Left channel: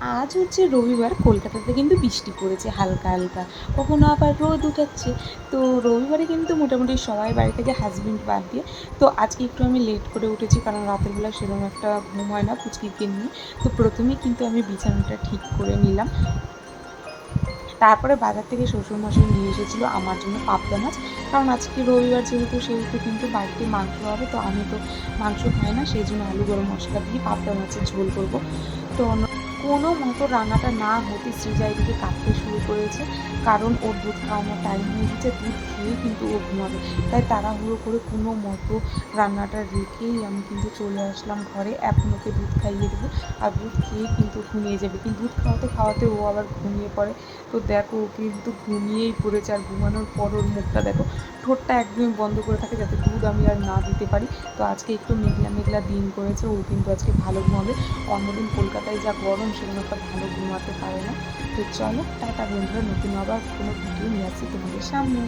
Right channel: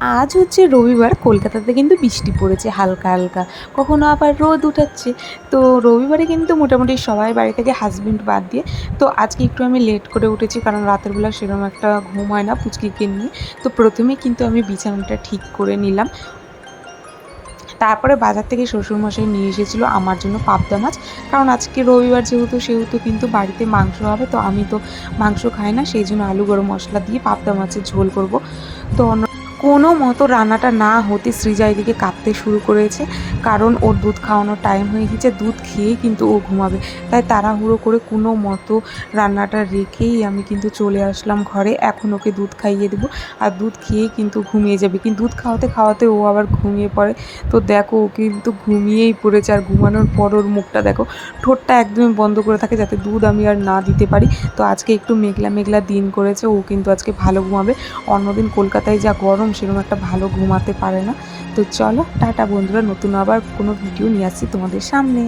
আজ হচ্ছে রবিবার, কলকাতাতে কিন্তু বৃষ্টি পড়েছে হালকা হালকা, কখনো আবার রোদ উঠাচ্ছে। তো রবিবারে কিন্তু মোটামুটি সবাই বাড়ি থেকে, হাজবেন্ড বাদ দিয়ে। তো আজকে একটু আমি লেট করে উঠেছি, কারণ রাতের বেলা সেরকম একটা ঘুম হয় না পুচকিকে নিয়ে। তো প্রথমেই কিন্তু আমি বিছানাটা ঠিক করে নিলাম। তারপরে বাজার থেকে শ্বশুরমশাই নিয়ে এসেছিলো আমার জন্য পাবদা মাছ। কারণ আজকে রবিবার যেহেতু, সেহেতু কিন্তু বাড়িতে মাংস হবে। তো আমি তো মাংস খাই না, সেই জন্য আলু গরম মশলা দিয়ে পাবদা মাছের ঝোল করব। তো কোনো মতো রান্নাটা না হতে সৃজা এদিকে কাঁদতে শুরু করেছে, কারণ ওর দুধ খাওয়ানোর টাইম হয়ে গেছে। দুধ খেয়েই কিন্তু ও ঘুমাবে। তাই তাড়াহুড়ো করে কোনো মতো রান্নাটা রেখেই আমি কিন্তু চলে আসলাম ঘরে। এখন ওকে দুধ খাইয়ে দেবো, আর দুধ খেয়েই কিন্তু ঘুমিয়ে যাবে। কিন্তু দুধ খাওয়াতে খাওয়াতে ও আবার ঘুমিয়ে পড়ে। তো দেখো, ও কিন্তু ঘুমিয়েই পড়েছে। আর ঘুমানোর পর ওর মুখটা দেখো, ঠোঁটটা একদমই বন্ধ করে থাকে, যাতে দুধ আমি আর না দিতে পারি। তো আজকে একটু মেঘলা মেঘলা দিন করেছে, ও কিন্তু আজকে ভালো ঘুমাবে। অন্যদিন কলকাতায় যা গরম, সেরকম একটা ভালো ঘুমাতে পারে না। তো চলো টাটা বন্ধুরা, নতুন আবার কোনো ভিডিও নিয়ে আসছি তোমাদের সামনে।